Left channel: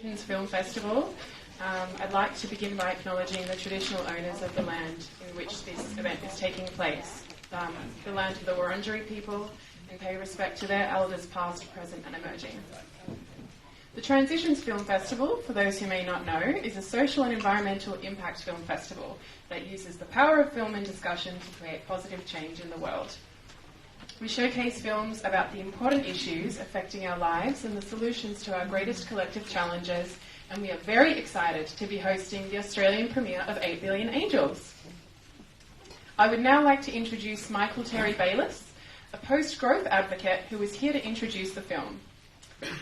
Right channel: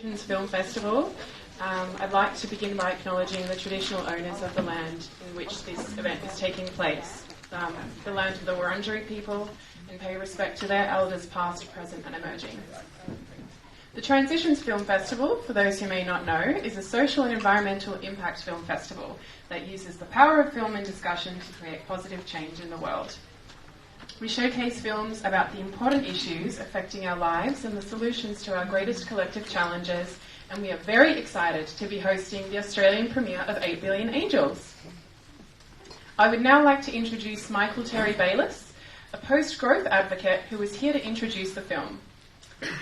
Transitions Film Festival. I'd like to begin by acknowledging the traditional owners of the land in which this event is taking place, the land of the Wurundjeri people, and pay respect to their elders past, present and emerging. The Transitions Film Festival, for those who may not know, is a social and environmental impact film festival that uses the power of film and discussion to create positive change in the world. We showcase films about the important issues affecting our lives and the solutions to our greatest collective challenges, and we are very excited to be hosting the Australian premiere of 8 Billion Angels. I would now like to introduce Michael Terry Bayliss, a post-growth advocate who is here to introduce the film.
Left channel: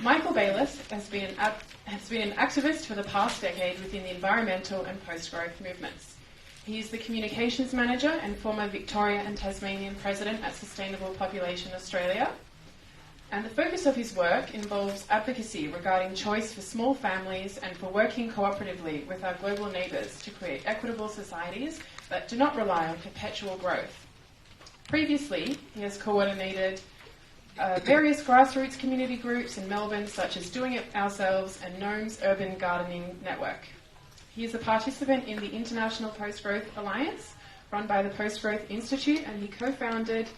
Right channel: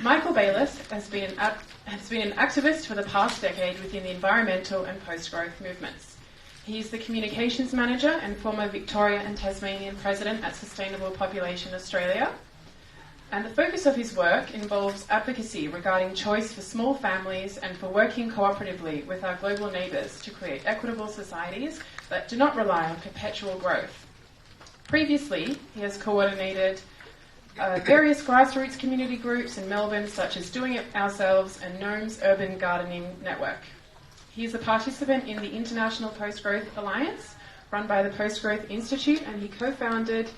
Michael Bayliss has been an activist for the past decade within the environmental and post-growth movements. He is the Communications Manager and former Victoria and Tasmanian President at Sustainable Population Australia. And the focus of his work involves advocacy regarding choice for small families and for working cooperatively with our global neighbours to create equitable societies that do not rely on perpetual growth. Previously, he has coordinated various grassroots community groups in Melbourne, such as Doing It Ourselves and Gnome's Urban Gardening Network. He is a participant in the International Post-Growth Alliance, run by the Post-Growth Institute, and he co-founded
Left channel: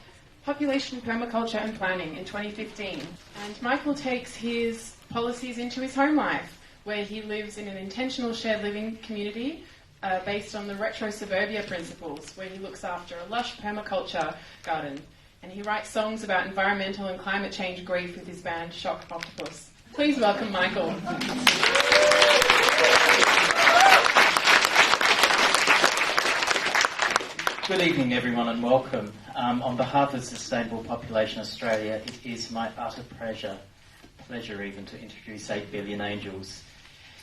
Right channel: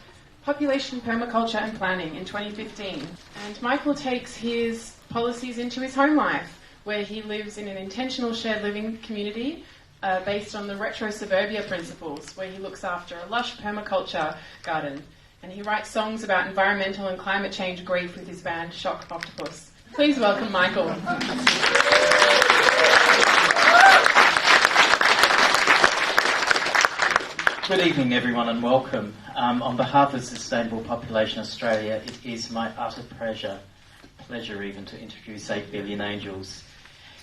Population Permaculture and Planning in 2015. And Michael takes his policies into his home life, where he lives in an intentional shared living community based on the retro-suburbia principles, where he looks after a lush permaculture garden. And he writes songs about environmental and climate change grief with his band Shock Octopus. Please welcome Michael. Good evening, everyone, and welcome. On behalf of Sustainable Population Australia, it is my utter pleasure even, to introduce 8 Billion Angels.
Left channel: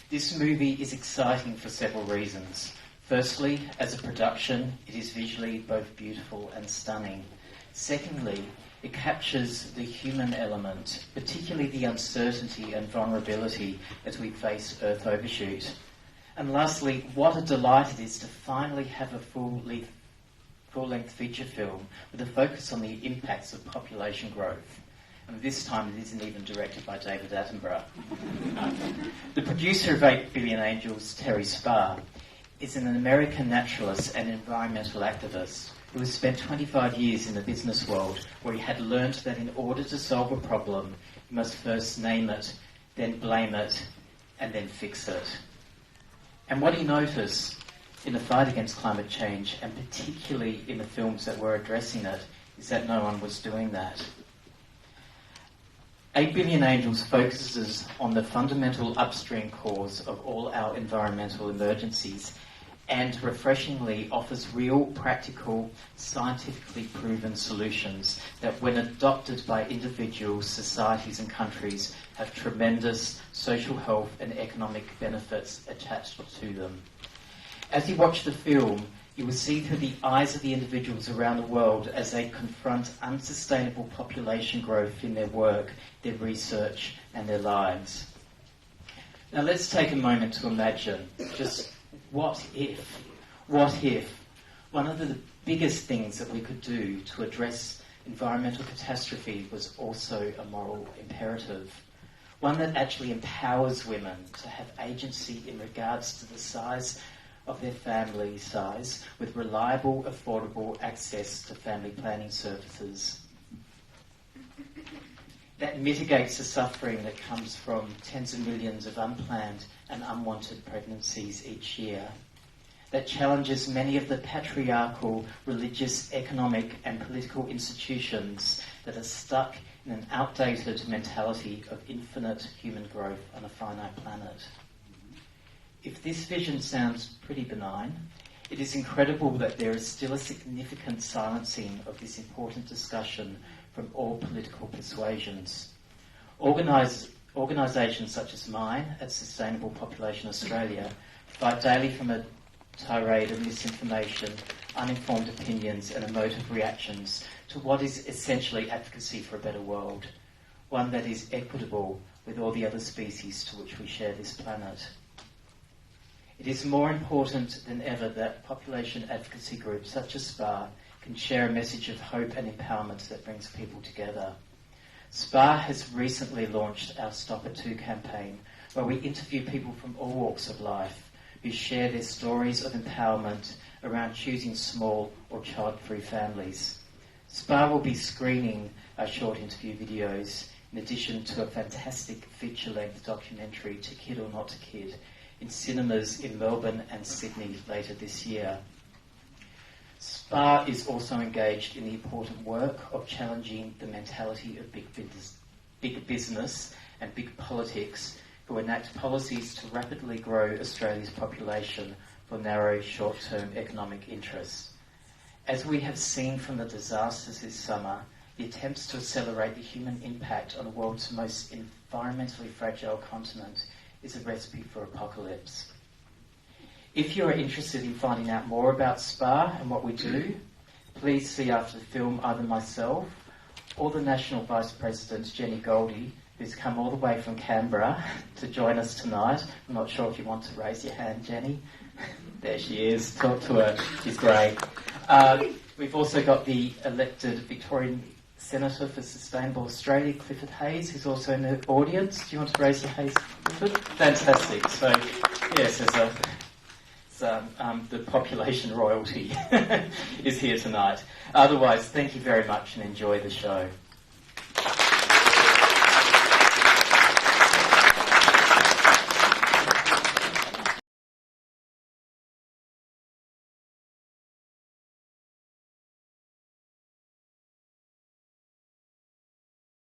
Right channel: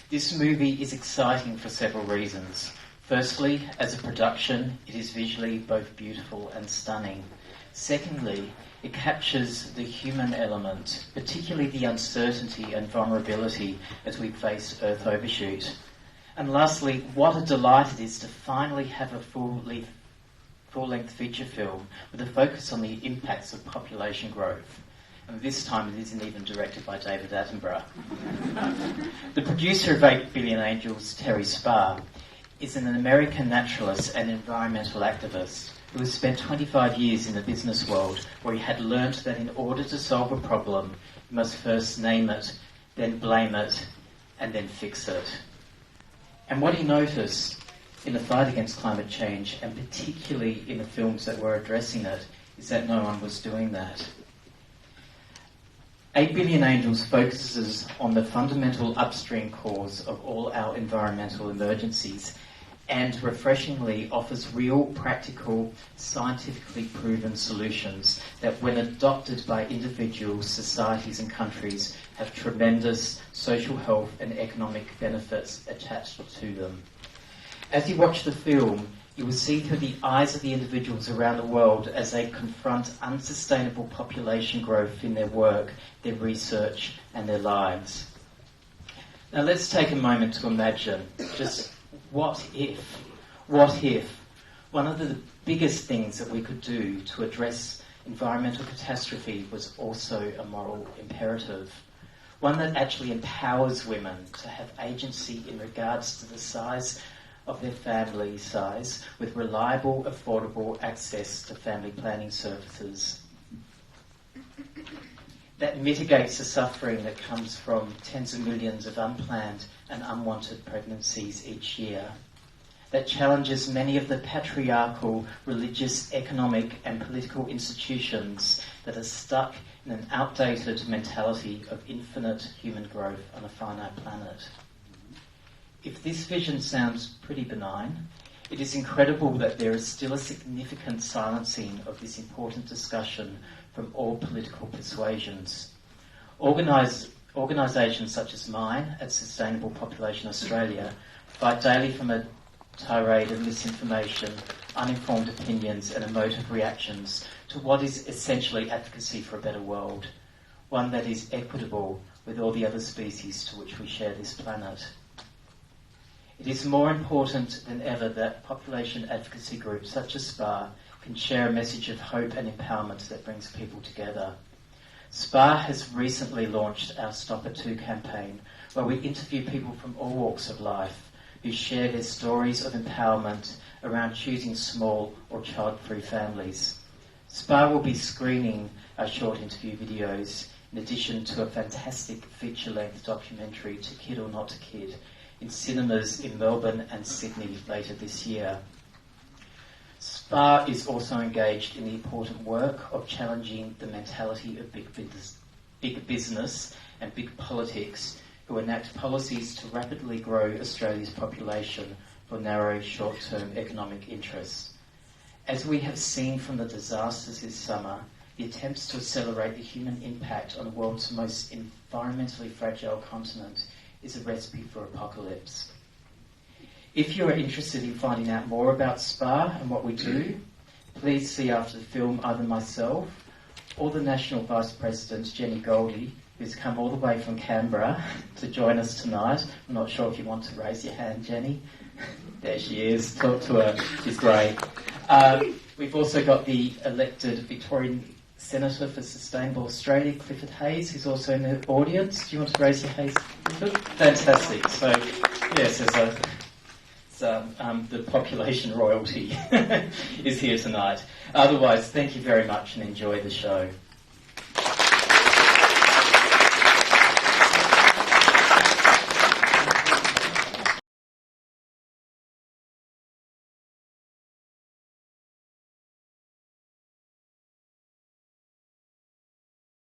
This movie is exciting for several reasons. Firstly, as a production, it is visually both beautiful and stunning. Secondly, it captures the human element, particularly the uncertainty and vulnerability as we face Earth overshoot. And lastly, what a delight it is to finally have a full-length feature film with a focus on the impacts of population growth. And this time it isn't even directed by David Attenborough. The producer of 8 Billion Angels, Terry Sparr, is an American naturalist and environmental activist who has spent 25 years in the business world, where he had learned that in order to solve a problem, you must first name it, then blame it, and then fix it. And what he noticed in the fight against climate change, and particularly in the films that were addressing it, is that no one was doing that. 8 Billion Angels focuses on the fundamental upstream cause of all our environmental emergencies, and refreshingly offers real, practical, scientifically proven solutions that, when adopted by individuals, societies and countries, have tremendous social health and economic benefits attached to them. As you watch the film, you will see through the eyes of the individuals around the world as they confront unsustainable population growth in their work, their research and their lives. Now let's take a moment to imagine just what if one of the biggest things that we could do to address environmental catastrophe was also a moral imperative, one that actually empowers women to have agency in regards to the size of their family size, with reliable, affordable access to family planning services. That mitigates the suffering that comes from tens of millions of unplanned and unwanted pregnancies each year. That challenges many of the patriarchal, religious, economic and political institutions that are stuck in an outdated mentality of infinite human growth on a finite planet. If this vision sounds pretty benign, it is incredible that there is still a significant silencing of this important discussion from all political persuasions. Organisations such as mine at Sustainable Population Australia fight daily from a tirade of misinformation, uninformed opinions and emotive reactions to what is essentially advocacy for a better world, one that is equitable with all the other species to which we share this planet. It is more important than ever that population advocacy groups such as SPAR can share a message of hope and empowerment that brings people together. SPAR has recently launched our Stop It 2 campaign, where we interview people from all walks of life who share their stories of empowerment around choosing small or child-free families. SPA will be screening our short interview videos in addition to a fantastic feature-length documentary, To Kid or Not to Kid, in cinemas in Melbourne and Sydney later this year. SPA is also engaged in the important work of challenging the mentality of big business and big politics who enact policies to rapidly grow Australia's population for narrow short-term economic interests. As we have seen from the disasters this summer, the attempts to accelerate the human impact on the world's most environmentally fragile continent is a recipe for apocalypse. If you are interested in finding out more about SPA and what we do, please see after the film either myself or the National Vice President, Jenny Goldie, who's come all the way from Canberra to join us tonight. I'm not sure if you want to raise your hand, Jenny. There she is. Talk to her. She's great. We've also got the elected Victorian Senator for Sustainable Australia, Clifford Hayes, who's also in the audience. Do you want to raise your hand, Clifford? Fantastic. So, yes, the population royalty is here tonight. Otherwise, thank you very much and enjoy the show.